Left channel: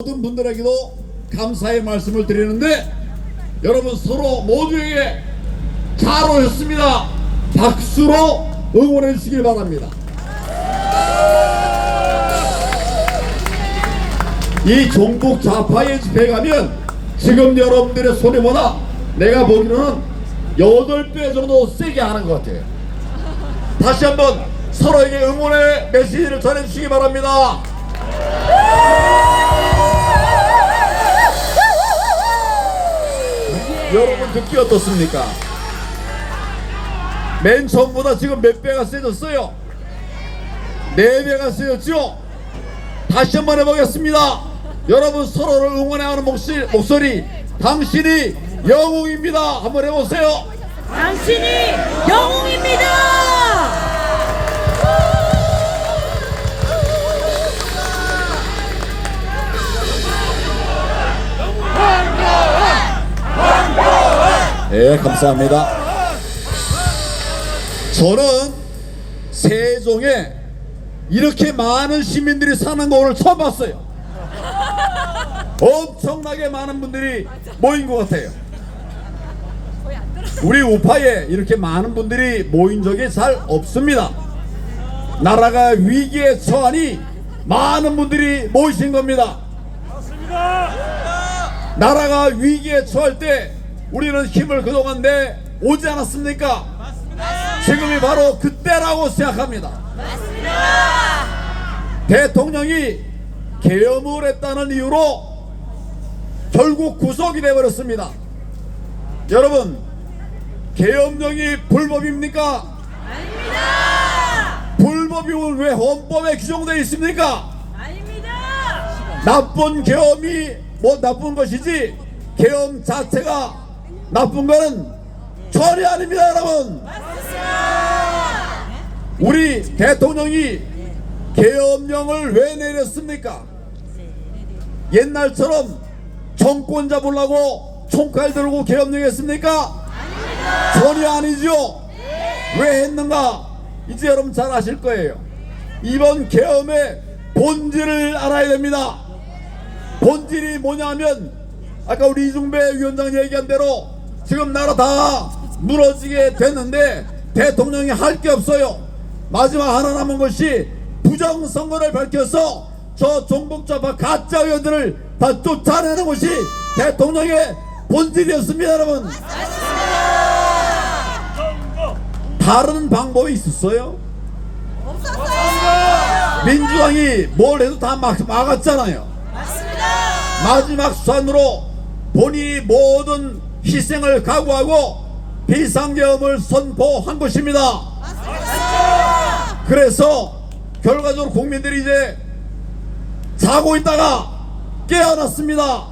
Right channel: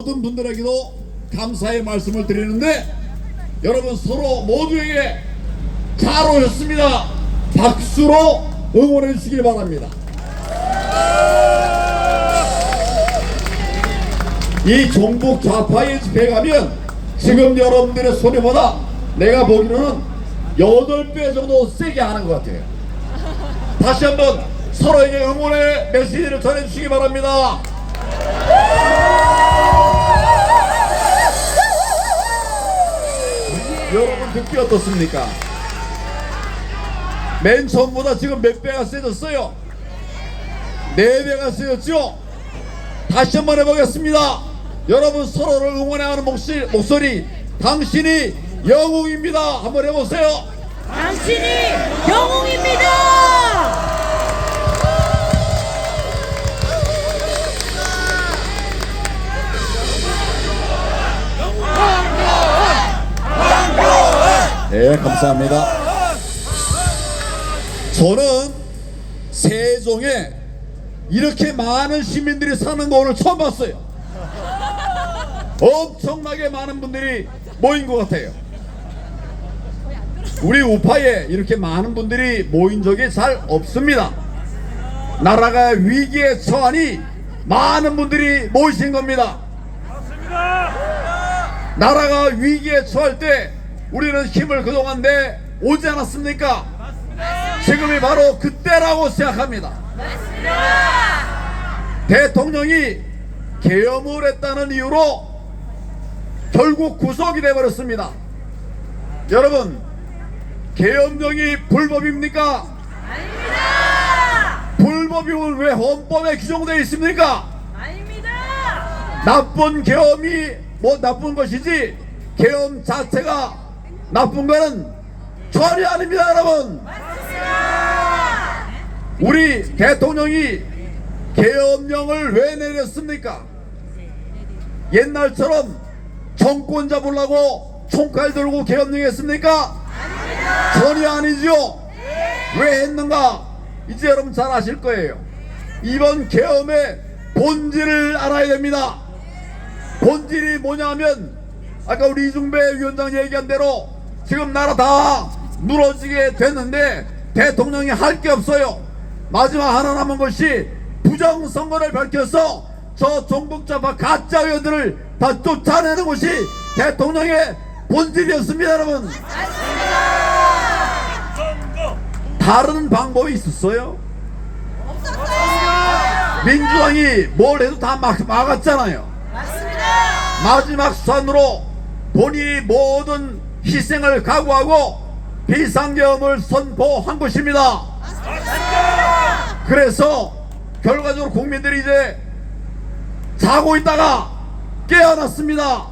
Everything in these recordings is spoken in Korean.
모든 분들에게도 감사의 말씀을 드리는데, 여러분 서로 모두에게 잘 오셨습니다. 박수로 응원해 주시길 바랍니다. 이 종북 좌파의 집회에 가면 지금 여러분들의 소리보다 내가 보기로는 8배 정도 세게 하는 것 같아요. 다시 한번 서로에게 응원의 메시지를 전해주시기 바랍니다. 여러분 듣기 어떻습니까? 맨 처음보다 지금 몇 배가 세졌어요? 4배가 세졌죠? 다시 한번 해보겠습니다. 여러분 서로를 응원하는 목소리, 당신이 영웅입니다. 한번 해보세요. 당신이 영웅입니다. 네, 감사합니다. 저는 세종에 이렇게 많은 시민들이 사는 거 오늘 처음 봤어요. 엄청나게 많은 분들이 모인 것 같아요. 우리 우파에 이렇게 많은 분들이 모인 적이 잘 없습니다. 나라가 위기에 처하니 많은 분들이 모이신 겁니다. 나라가 위기에 처할 때 우리는 힘을 그동안 내 오지 않았습니까? 지금이 바로 그때라고 생각합니다. 대통령이 계엄을 했다는 이유로 결국 구속이 되어버렸습니다. 여러분, 계엄령이 불법입니까? 아닙니다. 불법이면 왜 헌법에 규정되어 있습니까? 아닙니다. 나쁜 계엄이 뭐 나쁜 것이지 계엄 자체가 나쁜 거는 전혀 아닙니다. 여러분, 우리 대통령이 계엄령을 왜 내렸습니까? 옛날처럼 정권 잡으려고 총칼 들고 계엄령 했습니까? 전혀 아니죠. 왜 했는가? 이제 여러분 잘 아실 거예요. 이번 계엄의 본질을 알아야 됩니다. 본질이 뭐냐면, 아까 우리 이중배 위원장 얘기한 대로 지금 나라 다 무너지게 됐는데 대통령이 할 게 없어요. 마지막 하나 남은 것이 부정선거를 밝혀서 저 종북좌파 가짜 의원들을 다 쫓아내는 것이 대통령의 본질이었습니다. 여러분, 다른 방법이 있었어요? 민주당이 뭘 해도 다 막았잖아요. 마지막 수단으로 본인이 모든 희생을 각오하고 비상계엄을 선포한 것입니다. 그래서 결과적으로 국민들이 이제 자고 있다가 깨어났습니다.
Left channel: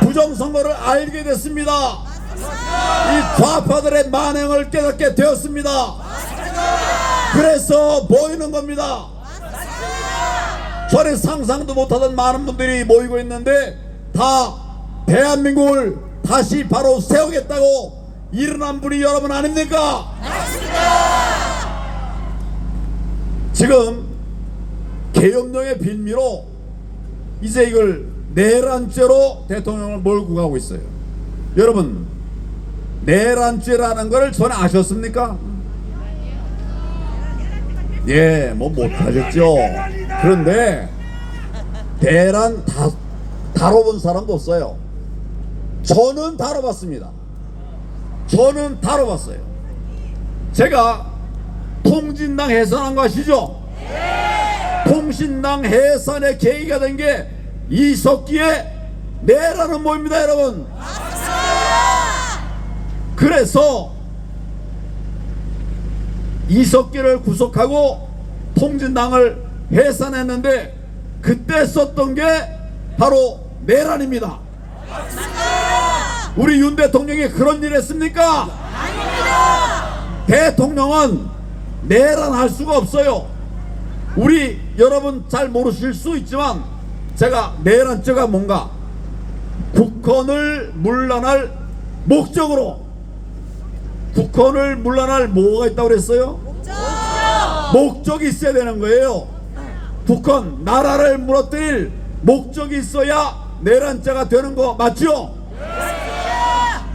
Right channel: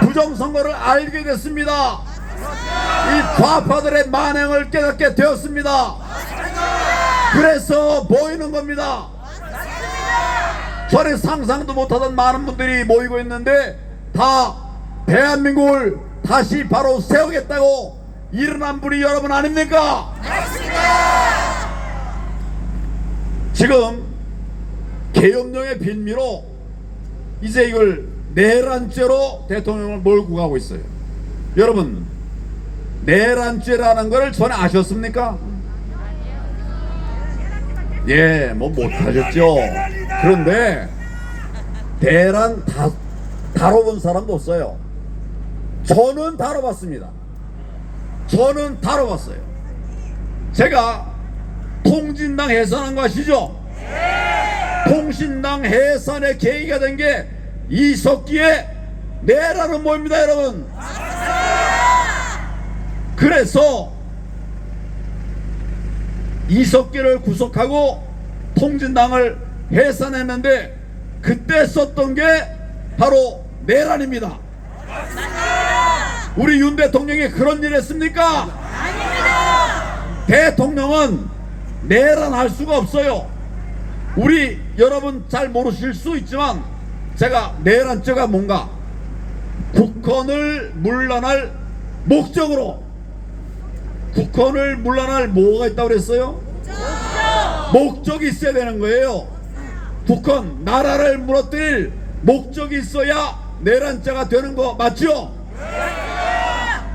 부정선거를 알게 됐습니다. 이 좌파들의 만행을 깨닫게 되었습니다. 그래서 모이는 겁니다. 전에 상상도 못하던 많은 분들이 모이고 있는데 다 대한민국을 다시 바로 세우겠다고 일어난 분이 여러분 아닙니까? 지금 계엄령의 빌미로 이제 이걸 내란죄로 대통령을 몰고 가고 있어요. 여러분, 내란죄라는 걸 전에 아셨습니까? 예, 뭐 못하셨죠. 그런데 내란 다뤄본 사람도 없어요. 저는 다뤄봤습니다. 저는 다뤄봤어요. 제가 통진당 해산한 거 아시죠? 통신당 해산의 계기가 된 게 이석기의 내라는 모입니다. 여러분, 그래서 이석기를 구속하고 통진당을 해산했는데 그때 썼던 게 바로 내란입니다. 우리 윤 대통령이 그런 일 했습니까? 대통령은 내란할 수가 없어요. 우리 여러분 잘 모르실 수 있지만 제가 내란죄가 뭔가, 국헌을 문란할 목적으로, 국헌을 문란할 뭐가 있다고 그랬어요? 목적이 있어야 되는 거예요. 국헌, 나라를 무너뜨릴 목적이 있어야 내란죄가 되는 거 맞죠?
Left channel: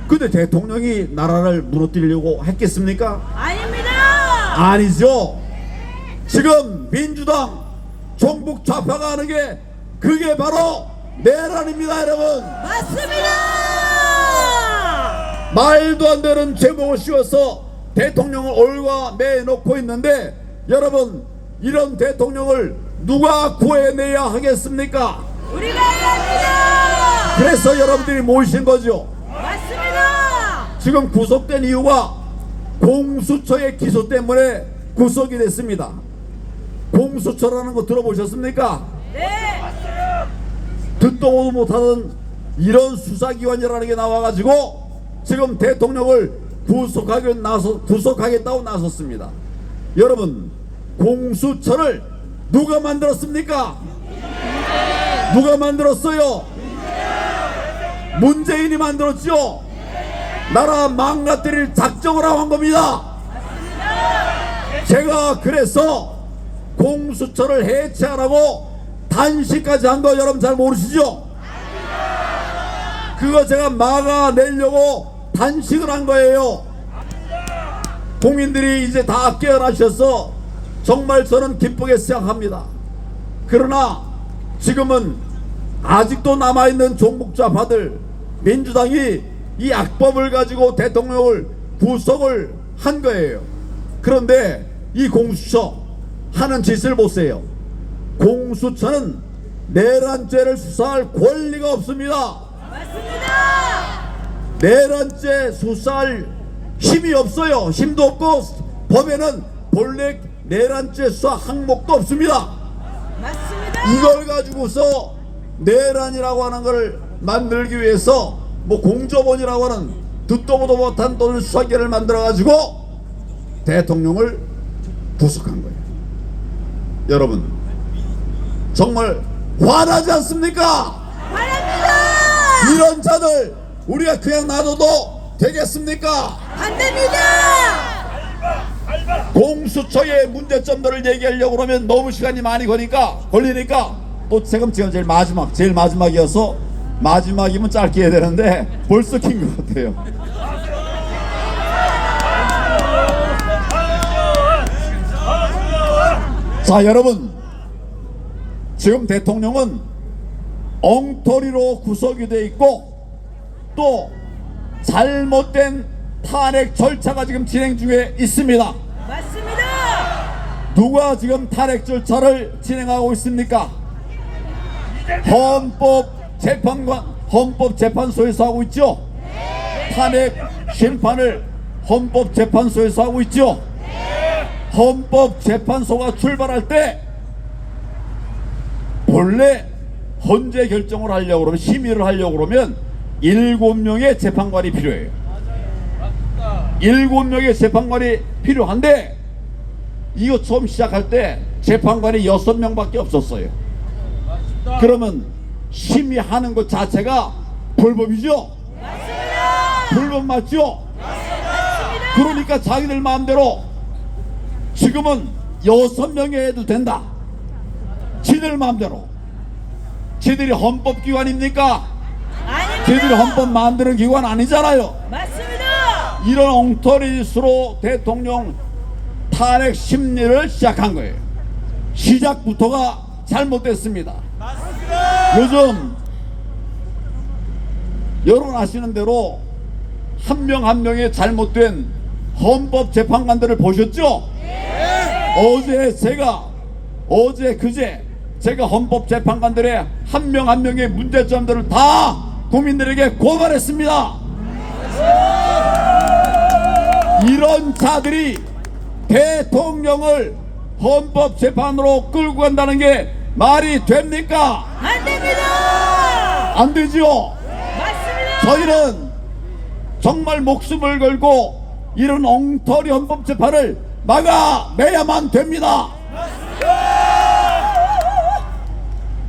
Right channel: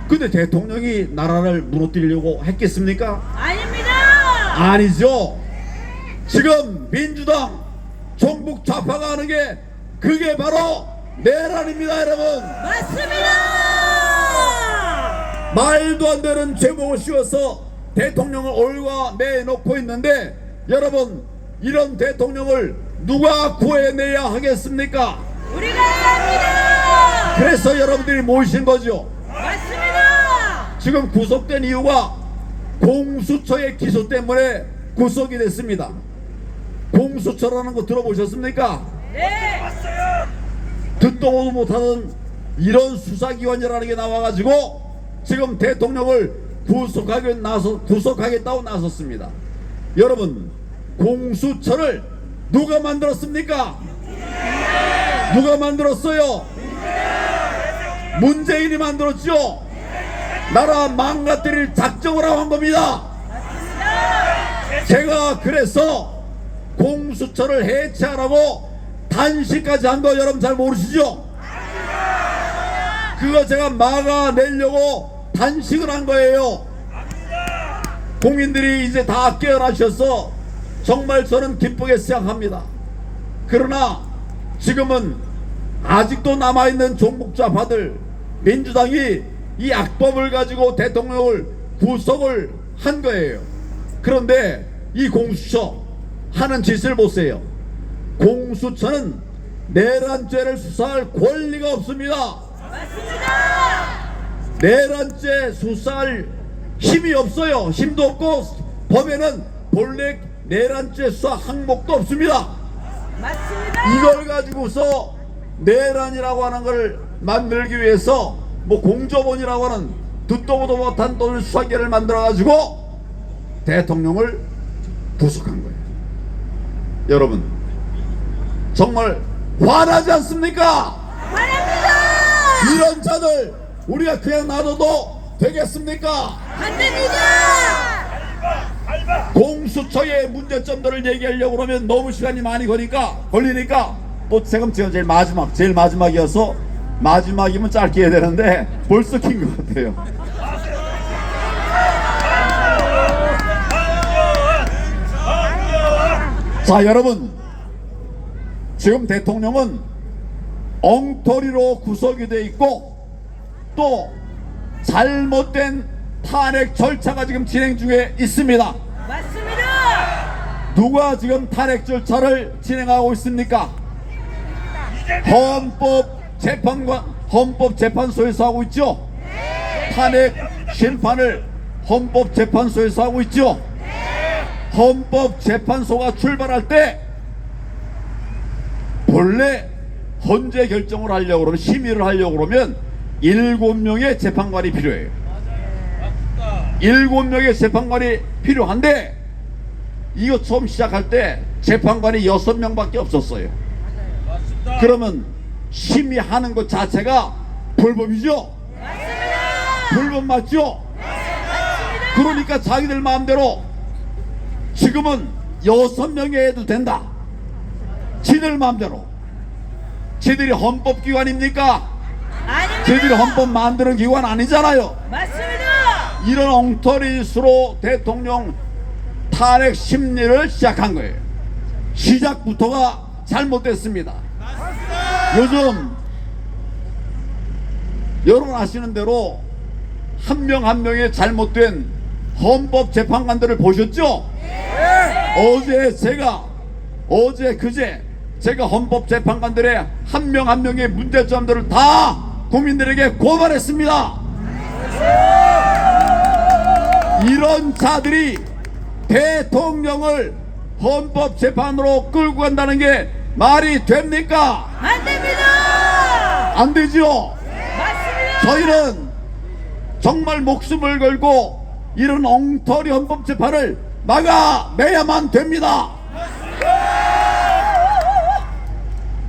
근데 대통령이 나라를 무너뜨리려고 했겠습니까? 아닙니다. 아니죠. 지금 민주당 종북 좌파가 하는 게 그게 바로 내란입니다, 여러분. 맞습니다. 말도 안 되는 제목을 씌워서 대통령을 올가 매놓고 있는데, 여러분, 이런 대통령을 누가 구해내야 하겠습니까? 우리가 해야 합니다. 그래서 여러분들이 모이신 거죠. 맞습니다. 지금 구속된 이유가 공수처의 기소 때문에 구속이 됐습니다. 공수처라는 거 들어보셨습니까? 네. 듣도 보도 못하던 이런 수사기관이라는 게 나와가지고 지금 대통령을 구속하겠다고 나섰습니다. 여러분, 공수처를 누가 만들었습니까? 누가 만들었어요? 문재인이 만들었죠. 나라 망가뜨릴 작정을 하고 한 겁니다. 제가 그래서 공수처를 해체하라고 단식까지 한 거 여러분 잘 모르시죠? 그거 제가 막아내려고 단식을 한 거예요. 국민들이 이제 다 깨어나셔서 정말 저는 기쁘게 생각합니다. 그러나 지금은 아직도 남아있는 종북좌파들, 민주당이 이 악법을 가지고 대통령을 구속을 한 거예요. 그런데 이 공수처 하는 짓을 보세요. 공수처는 내란죄를 수사할 권리가 없습니다. 맞습니다. 내란죄 수사할 힘이 없어요. 힘도 없고 법에는 본래 내란죄 수사 항목도 없습니다. 맞습니다. 이걸 가지고서 내란이라고 하는 걸 만들기 위해서 뭐 공조본이라고 하는 듣도 보도 못한 돈 수사기를 만들어 가지고 대통령을 구속한 거예요. 여러분, 정말 화나지 않습니까? 화납니다. 이런 자들 우리가 그냥 놔둬도 되겠습니까? 안 됩니다. 공수처의 문제점들을 얘기하려고 그러면 너무 시간이 많이 걸리니까 또 지금 제일 마지막이어서 마지막이면 짧게 해야 되는데 벌써 긴 것 같아요. 자, 여러분, 지금 대통령은 엉터리로 구속이 돼 있고 또 잘못된 탄핵 절차가 지금 진행 중에 있습니다. 맞습니다. 누가 지금 탄핵 절차를 진행하고 있습니까? 헌법재판소에서 하고 있죠. 탄핵 심판을 헌법재판소에서 하고 있죠. 헌법재판소가 출발할 때 본래 헌재 결정을 하려고 그러면, 심의를 하려고 그러면 7명의 재판관이 필요해요. 7명의 재판관이 필요한데 이거 처음 시작할 때 재판관이 6명밖에 없었어요. 그러면 심의하는 것 자체가 불법이죠? 맞습니다. 불법 맞죠? 맞습니다. 그러니까 자기들 마음대로 지금은 6명이 해도 된다. 지들 마음대로. 지들이 헌법기관입니까? 아닙니다. 지들이 헌법 만드는 기관 아니잖아요. 맞습니다. 이런 엉터리 짓으로 대통령 탄핵 심리를 시작한 거예요. 시작부터가 잘못됐습니다. 요즘 여러분 아시는 대로 한 명 한 명의 잘못된 헌법재판관들을 보셨죠? 그제 제가 헌법재판관들의 한 명 한 명의 문제점들을 다 국민들에게 고발했습니다. 이런 자들이 대통령을 헌법재판으로 끌고 간다는 게 말이 됩니까? 안 됩니다. 안 되죠? 맞습니다. 저희는 정말 목숨을 걸고 이런 엉터리 헌법재판을 막아내야만 됩니다.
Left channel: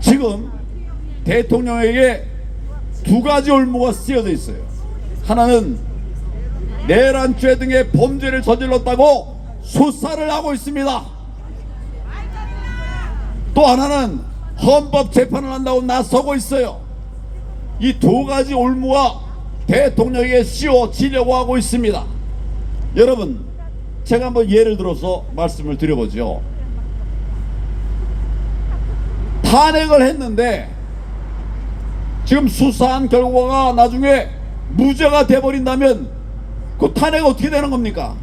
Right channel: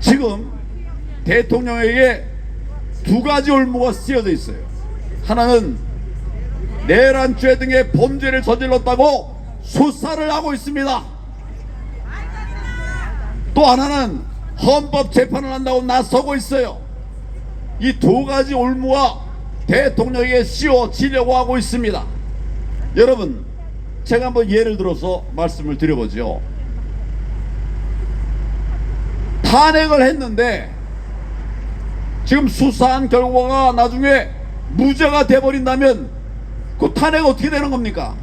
지금 대통령에게 두 가지 올무가 쓰여져 있어요. 하나는 내란죄 등의 범죄를 저질렀다고 수사를 하고 있습니다. 또 하나는 헌법 재판을 한다고 나서고 있어요. 이 두 가지 올무와 대통령에게 씌워지려고 하고 있습니다. 여러분, 제가 한번 예를 들어서 말씀을 드려보죠. 탄핵을 했는데 지금 수사한 결과가 나중에 무죄가 돼버린다면 그 탄핵 어떻게 되는 겁니까?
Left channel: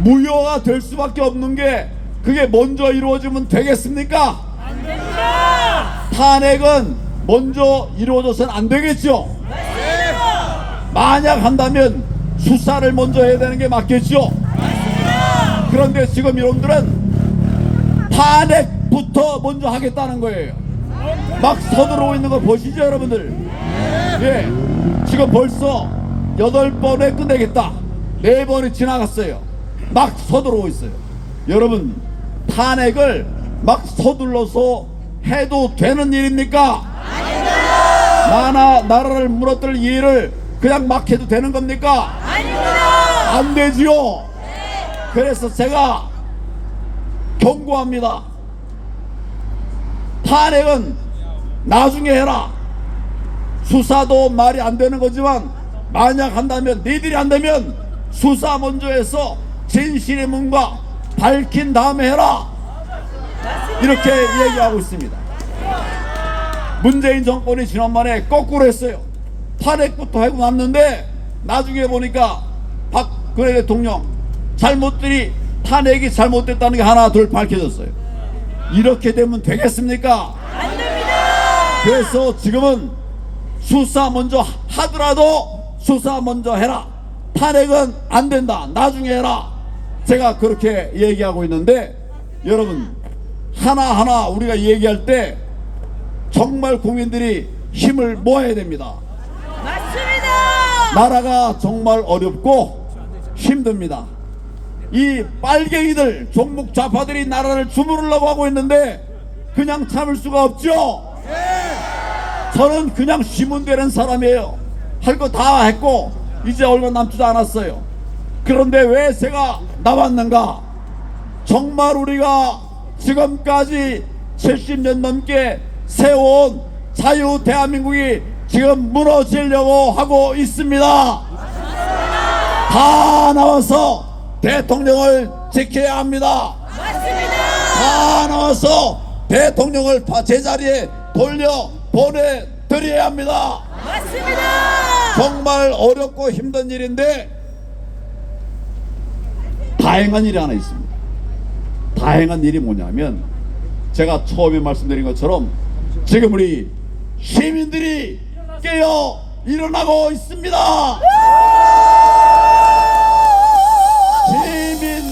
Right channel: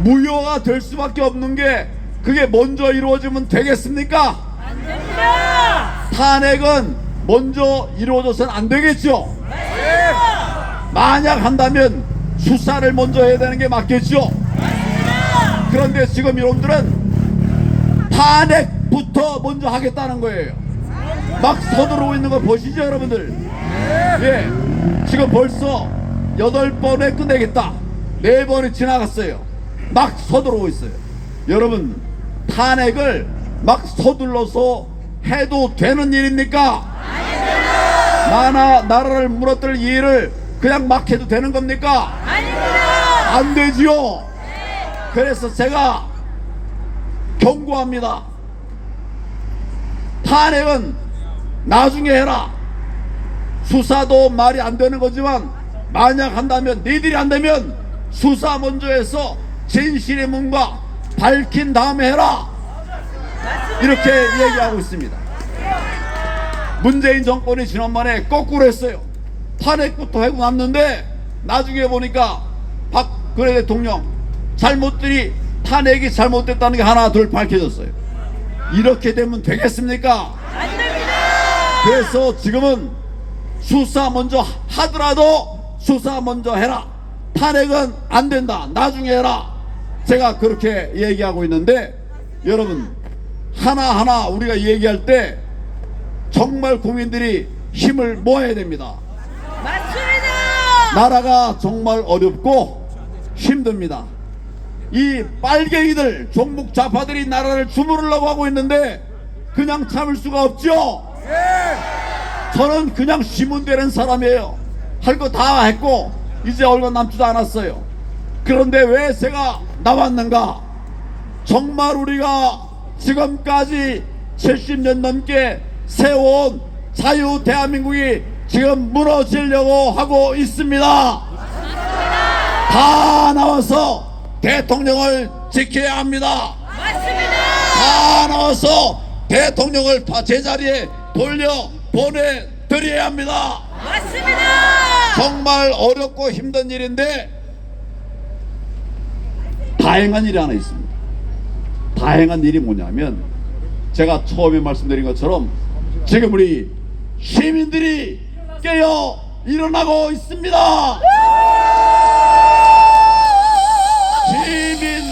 무효가 될 수밖에 없는 게 그게 먼저 이루어지면 되겠습니까? 안 됩니다. 탄핵은 먼저 이루어져서는 안 되겠죠. 만약 한다면 수사를 먼저 해야 되는 게 맞겠죠. 그런데 지금 여러분들은 탄핵부터 먼저 하겠다는 거예요. 막 서두르고 있는 거 보시죠, 여러분들. 네, 지금 벌써 8번에 끝내겠다, 4번이 지나갔어요. 막 서두르고 있어요. 여러분, 탄핵을 막 서둘러서 해도 되는 일입니까? 나라를 무너뜨릴 일을 그냥 막 해도 되는 겁니까? 아닙니다. 안 되지요. 그래서 제가 경고합니다. 탄핵은 나중에 해라. 수사도 말이 안 되는 거지만 만약 한다면, 니들이 안 되면 수사 먼저 해서 진실의 문과 밝힌 다음에 해라. 이렇게 얘기하고 있습니다. 문재인 정권이 지난번에 거꾸로 했어요. 탄핵부터 하고 났는데 나중에 보니까 박근혜 대통령 잘못들이, 탄핵이 잘못됐다는 게 하나 둘 밝혀졌어요. 이렇게 되면 되겠습니까? 안 됩니다. 그래서 지금은 수사 먼저 하더라도 수사 먼저 해라. 탄핵은 안 된다, 나중에 해라. 제가 그렇게 얘기하고 있는데, 여러분, 하나하나 우리가 얘기할 때 정말 국민들이 힘을 모아야 됩니다. 맞습니다. 나라가 정말 어렵고 힘듭니다. 이 빨갱이들, 종북 좌파들이 나라를 주무르려고 하고 있는데 그냥 참을 수가 없죠. 저는 그냥 쉬면 되는 사람이에요. 할 거 다 했고 이제 얼마 남지도 않았어요. 그런데 왜 제가 나왔는가? 정말 우리가 지금까지 70년 넘게 세워온 자유 대한민국이 지금 무너지려고 하고 있습니다. 다 나와서 대통령을 지켜야 합니다. 맞습니다. 다 나와서 대통령을 제자리에 돌려 보내드려야 합니다. 맞습니다. 정말 어렵고 힘든 일인데 다행한 일이 하나 있습니다. 다행한 일이 뭐냐면, 제가 처음에 말씀드린 것처럼 지금 우리 시민들이 깨어 일어나고 있습니다. 시민,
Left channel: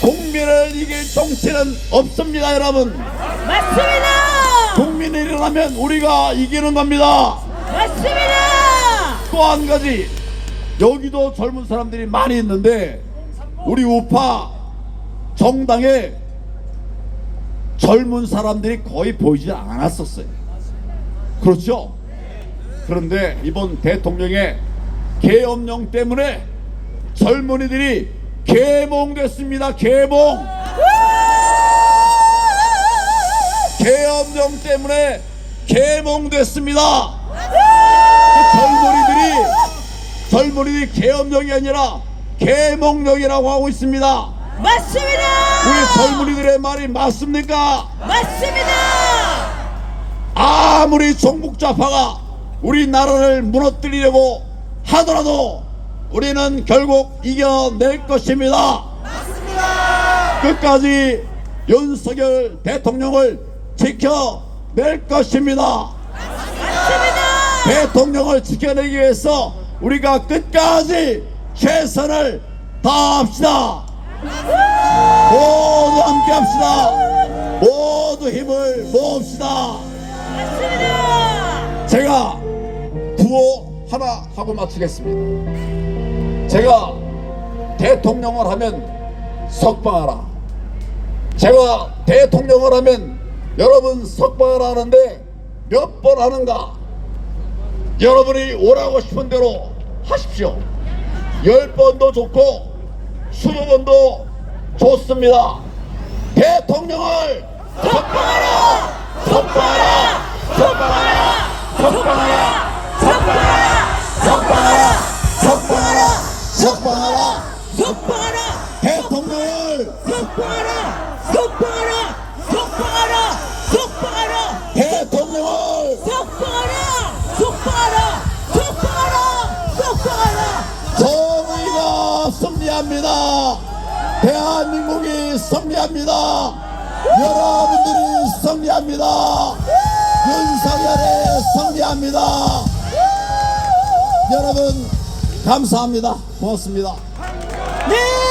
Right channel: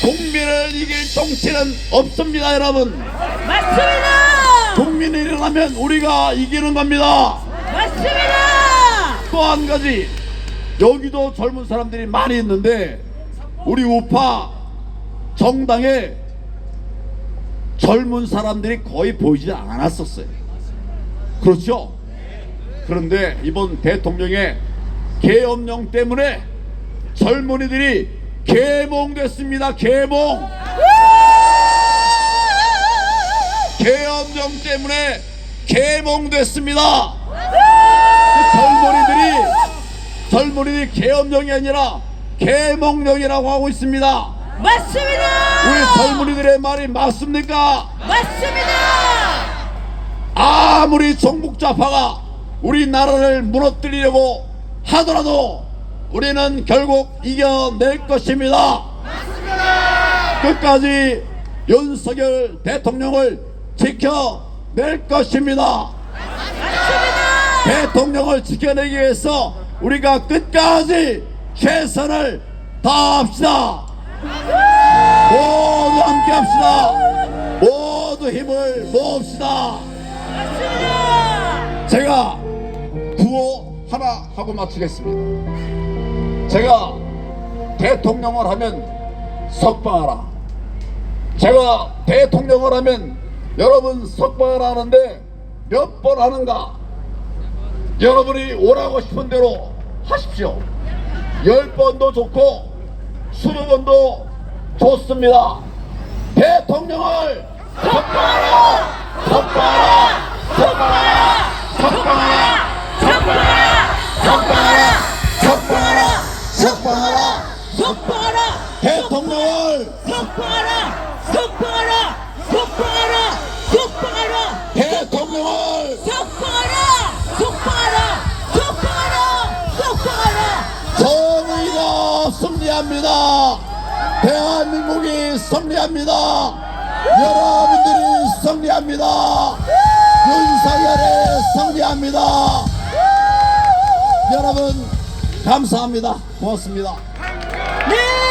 국민을 이길 정치는 없습니다, 여러분. 맞습니다. 국민이 일어나면 우리가 이기는 겁니다. 맞습니다. 또 한 가지, 여기도 젊은 사람들이 많이 있는데 우리 우파 정당에 젊은 사람들이 거의 보이지 않았었어요. 그렇죠? 그런데 이번 대통령의 계엄령 때문에 젊은이들이 계몽됐습니다. 계몽. 계엄령 때문에 계몽됐습니다. 젊은이들이 계엄령이 아니라 계몽령이라고 하고 있습니다. 맞습니다. 우리 젊은이들의 말이 맞습니까? 맞습니다. 아무리 정북좌파가 우리나라를 무너뜨리려고 하더라도 우리는 결국 이겨낼 것입니다. 끝까지 윤석열 대통령을 지켜낼 것입니다. 대통령을 지켜내기 위해서 우리가 끝까지 최선을 다합시다. 모두 함께 합시다. 모두 힘을 모읍시다. 제가 구호 하나 하고 마치겠습니다. 제가 대통령을 하면 석방하라. 제가 대통령을 하면 여러분 석방을 하는데 몇 번 하는가? 여러분이 오라고 싶은 대로 하십시오. 10번도 좋고 20번도 좋습니다. 대통령을 석방하라! 석방하라! 석방하라! 석방하라! 석방하라! 석방하라! 석방하라! 대통령을 석방하라! 석방하라! 석방하라! 석방하라! 대통령을 석방하라! 석방하라! 석방하라! 석방하라! 정의가 승리합니다. 대한민국이 승리합니다. 여러분들이 승리합니다. 윤석열이 승리합니다. 여러분 감사합니다. 고맙습니다. 네!